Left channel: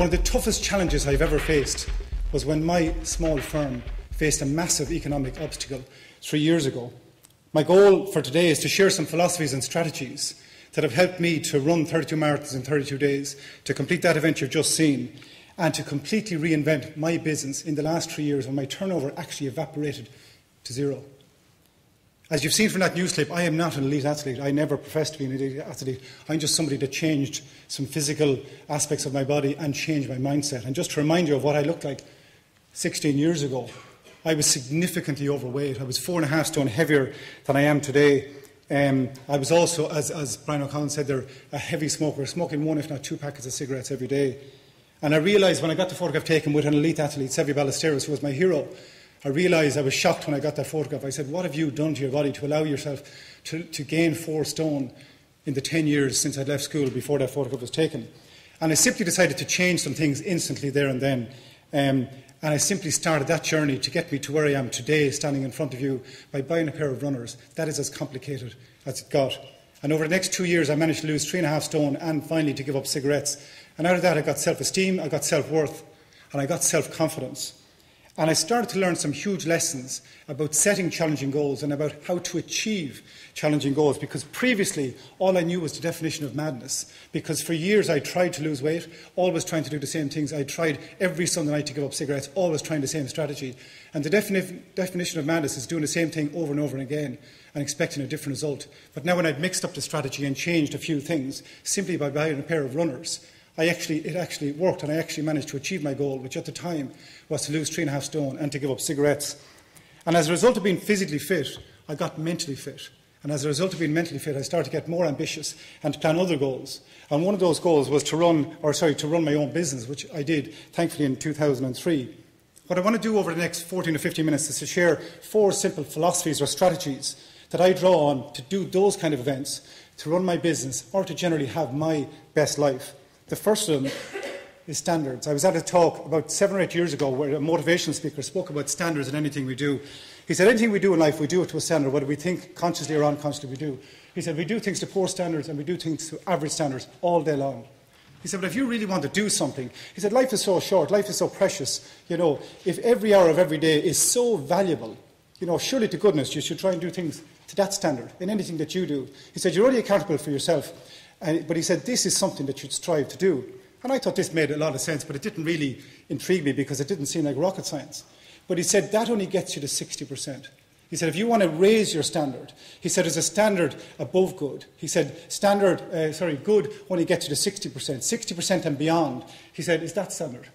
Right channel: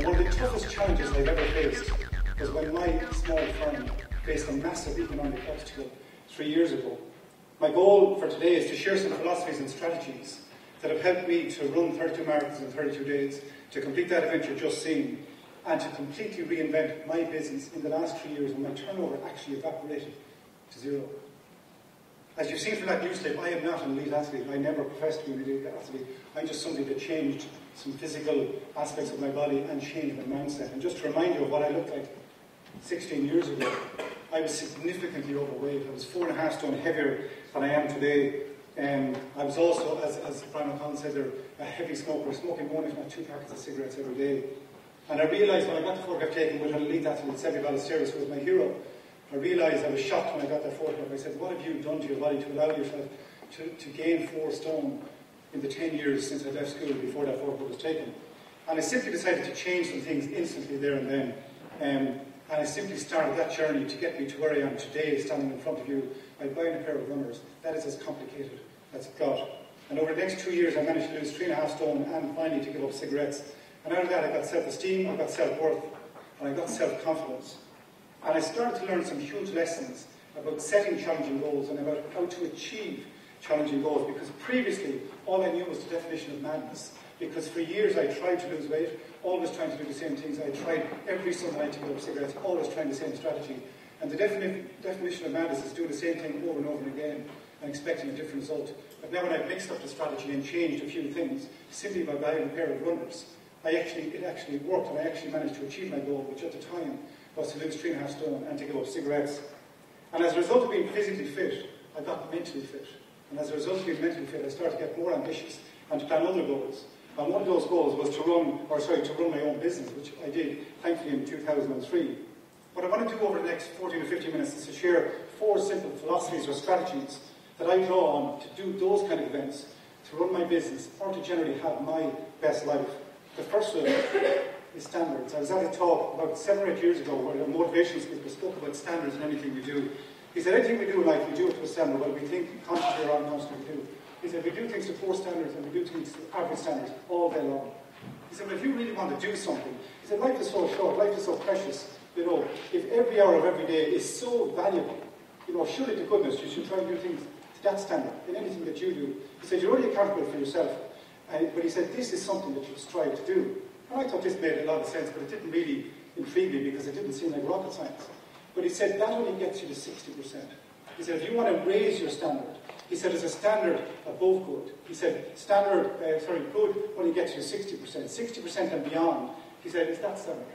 One of the toughest challenges I've ever faced was when my small firm faced a massive economic obstacle 3 years ago. My goal for today is to share some philosophies and strategies that have helped me to run 32 marathons in 32 days, to complete that event you've just seen, and to completely reinvent my business in the last 3 years when my turnover actually evaporated to zero. As you've seen from that news clip, I am not an elite athlete. I never professed to be an elite athlete. I'm just somebody that changed some physical aspects of my body and changed my mindset. And just to remind you of what I looked like 16 years ago, I was significantly overweight. I was 4.5 stone heavier than I am today. I was also, as Brian O'Connell said there, a heavy smoker, smoking 1 if not 2 packets of cigarettes every day. And I realised when I got the photograph taken with an elite athlete, Sevi Ballesteros, who was my hero, I realised I was shocked when I got that photograph. I said, what have you done to your body to allow yourself to gain 4 stone in the 10 years since I left school before that photograph was taken? And I simply decided to change some things instantly there and then. And I simply started that journey to get me to where I am today, standing in front of you, by buying a pair of runners. That is as complicated as it got. And over the next 2 years, I managed to lose 3.5 stone and finally to give up cigarettes. And out of that, I got self-esteem, I got self-worth, and I got self-confidence. And I started to learn some huge lessons about setting challenging goals and about how to achieve challenging goals, because previously all I knew was the definition of madness. Because for years I tried to lose weight, always trying to do the same things. I tried every Sunday night to give up cigarettes, always trying the same strategy. And the definition of madness is doing the same thing over and over again and expecting a different result. But now when I'd mixed up the strategy and changed a few things, simply by buying a pair of runners, it actually worked, and I actually managed to achieve my goal, which at the time was to lose 3.5 stone and to give up cigarettes. And as a result of being physically fit, I got mentally fit. And as a result of being mentally fit, I started to get more ambitious and to plan other goals. And one of those goals was to run my own business, which I did, thankfully, in 2003. What I want to do over the next 14 or 15 minutes is to share 4 simple philosophies or strategies that I draw on to do those kind of events, to run my business, or to generally have my best life. The first of them is standards. I was at a talk about 7 or 8 years ago where a motivational speaker spoke about standards in anything we do. He said, anything we do in life, we do it to a standard, whether we think consciously or unconsciously we do. He said, we do things to poor standards and we do things to average standards all day long. He said, but if you really want to do something, he said, life is so short, life is so precious. You know, if every hour of every day is so valuable, you know, surely to goodness you should try and do things to that standard in anything that you do. He said, you're only accountable for yourself. But he said, this is something that you'd strive to do. And I thought this made a lot of sense, but it didn't really intrigue me because it didn't seem like rocket science. But he said, that only gets you to 60%. He said, if you want to raise your standard, he said, there's a standard above good. He said, good only gets you to 60%. 60% and beyond, he said, is that standard.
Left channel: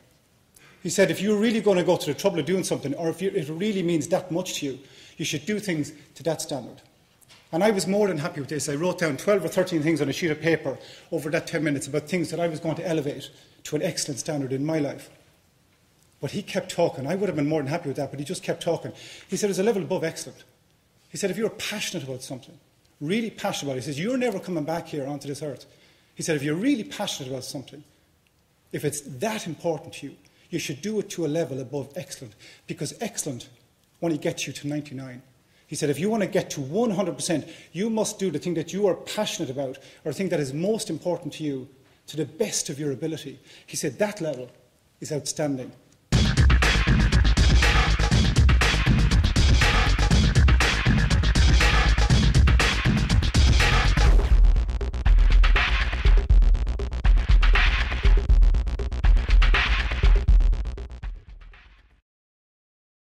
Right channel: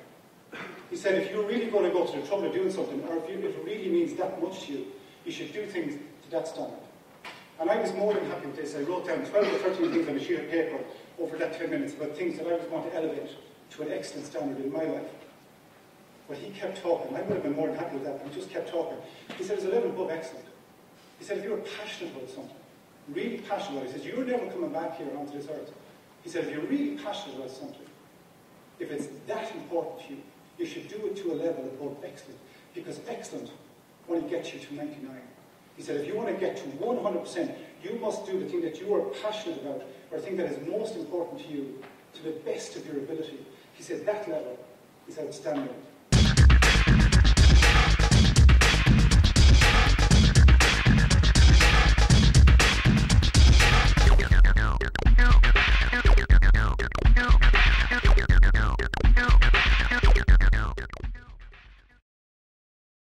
He said, if you're really going to go to the trouble of doing something, or if it really means that much to you, you should do things to that standard. And I was more than happy with this. I wrote down 12 or 13 things on a sheet of paper over that 10 minutes about things that I was going to elevate to an excellent standard in my life. But he kept talking. I would have been more than happy with that, but he just kept talking. He said, there's a level above excellent. He said, if you're passionate about something, really passionate about it, he says, you're never coming back here onto this earth. He said, if you're really passionate about something, if it's that important to you, you should do it to a level above excellent, because excellent only gets you to 99. He said, if you want to get to 100%, you must do the thing that you are passionate about, or the thing that is most important to you, to the best of your ability. He said, that level is outstanding.